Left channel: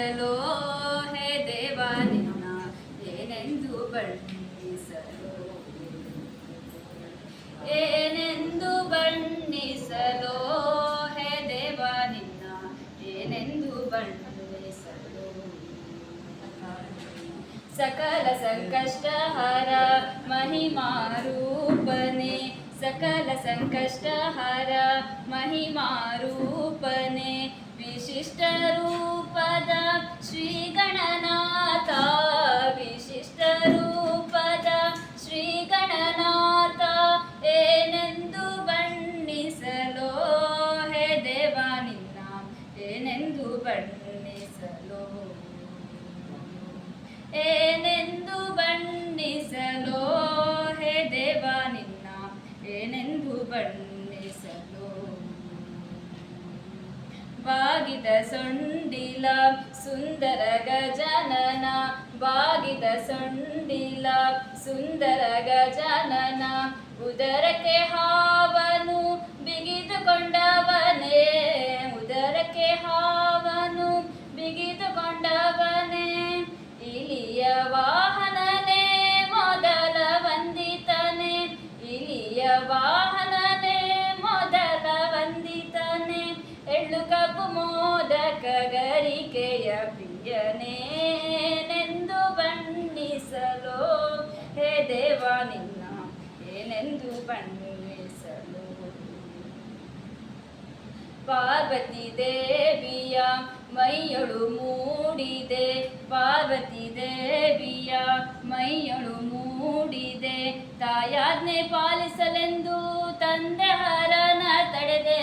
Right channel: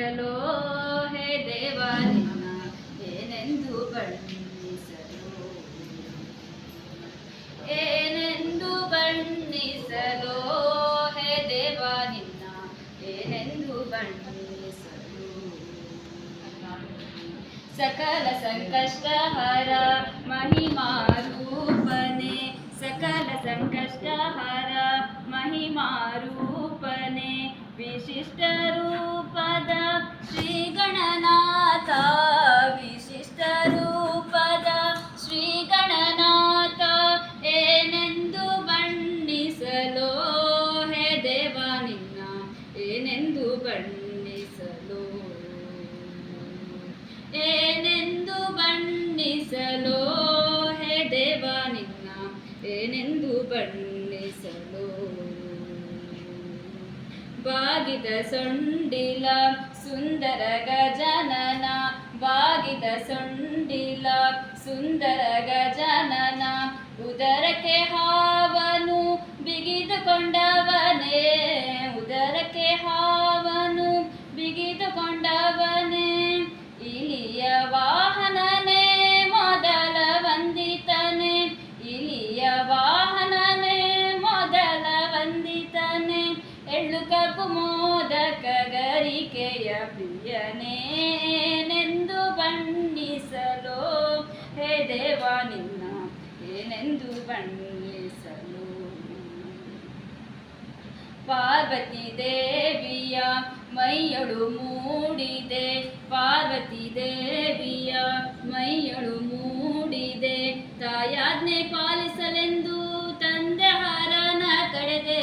ಬಣ್ಣಿಸಲೋ ಹೇ ದೇವ ನಿನ್ನ ಏನೆಂದು ಬಣ್ಣಿಸಲೋ ಏನೆಂದು ಬಣ್ಣಿಸಲೋ ಹೇ ದೇವ ನಿನ್ನ ಏನೆಂದು ಬಣ್ಣಿಸಲೋ ಸಕಲ ಸಂಕಷ್ಟಹರ ಮಹಿಮಾರೂಪನೆ ಸಕಲ ಸಂಕಷ್ಟಹರ ಮಹಿಮಾರೂಪನೆ ವಿಶಿಷ್ಟ ರೂಪದ ಶ್ರೀ ಗಣನಾಥ ವಿಶಿಷ್ಟ ರೂಪದ ಶ್ರೀ ಗಣನಾಥ ಏನೆಂದು ಬಣ್ಣಿಸಲೋ ಹೇ ದೇವ ನಿನ್ನ ಏನೆಂದು ಬಣ್ಣಿಸಲೋ ಏನೆಂದು ಬಣ್ಣಿಸಲೋ ಹೇ ದೇವ ನಿನ್ನ ಏನೆಂದು ಬಣ್ಣಿಸಲೋ ಬಾಗಿದ ಸೊಂಡಿಲ ಸುಂದರ ಗಜನನ ಬಾಗಿದ ಸೊಂಡಿಲ ಸುಂದರ ಗಜನನ ಉದರಕ್ಕೆ ಹಾವನು ಬಿಗಿದುಕೊಂಡವನೇ ಉದರಕ್ಕೆ ಹಾವನು ಬಿಗಿದುಕೊಂಡವನೇ ಇಲಿಯ ವಾಹನನೇ ಮೊದಲ ವಂದಿತನೇ ಇಲಿಯ ವಾಹನನೇ ಮೊದಲ ವಂದಿತನೇ ಎಳ್ಳು ಕಬ್ಬು ಮೋದಕ ಗರಿಕೆಯ ಪ್ರಿಯನೇನೆಂದು ಬಣ್ಣಿಸಲೋ ಹೇ ದೇವ ನಿನ್ನ ಏನೆಂದು ಬಣ್ಣಿಸಲೋ ಪಾರ್ವತಿ ದೇವಿಯ ಮೈಯಳು ಮೂಡಿದೆ ಪಾರ್ವತಿ ದೇವಿಯ ಮೈಯಳು ಮೂಡಿದೆ ತಾಯಾಜ್ಞೆ ಪಾಲಿಸಲೆಂದು ತಂದೆ ಹರನ ತಡೆದೆ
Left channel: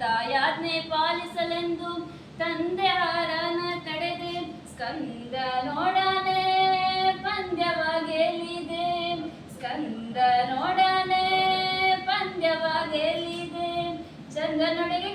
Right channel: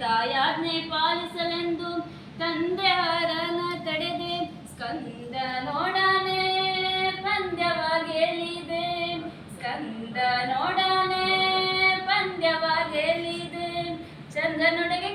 ತಾಯಾಜ್ಞೆ ಪಾಲಿಸಲೆಂದು ತಂದೆ ಹರನ ತಡೆದೆ ಸ್ಕಂದ ನೋಡನೆ ಪಂದ್ಯವ ಗೆಲ್ಲಿದೆ ಸ್ಕಂದ ನೋಡನೆ ಪಂದ್ಯವ ಗೆಲ್ಲಿದೆ ಚಂದ್ರನೊಳಗೆ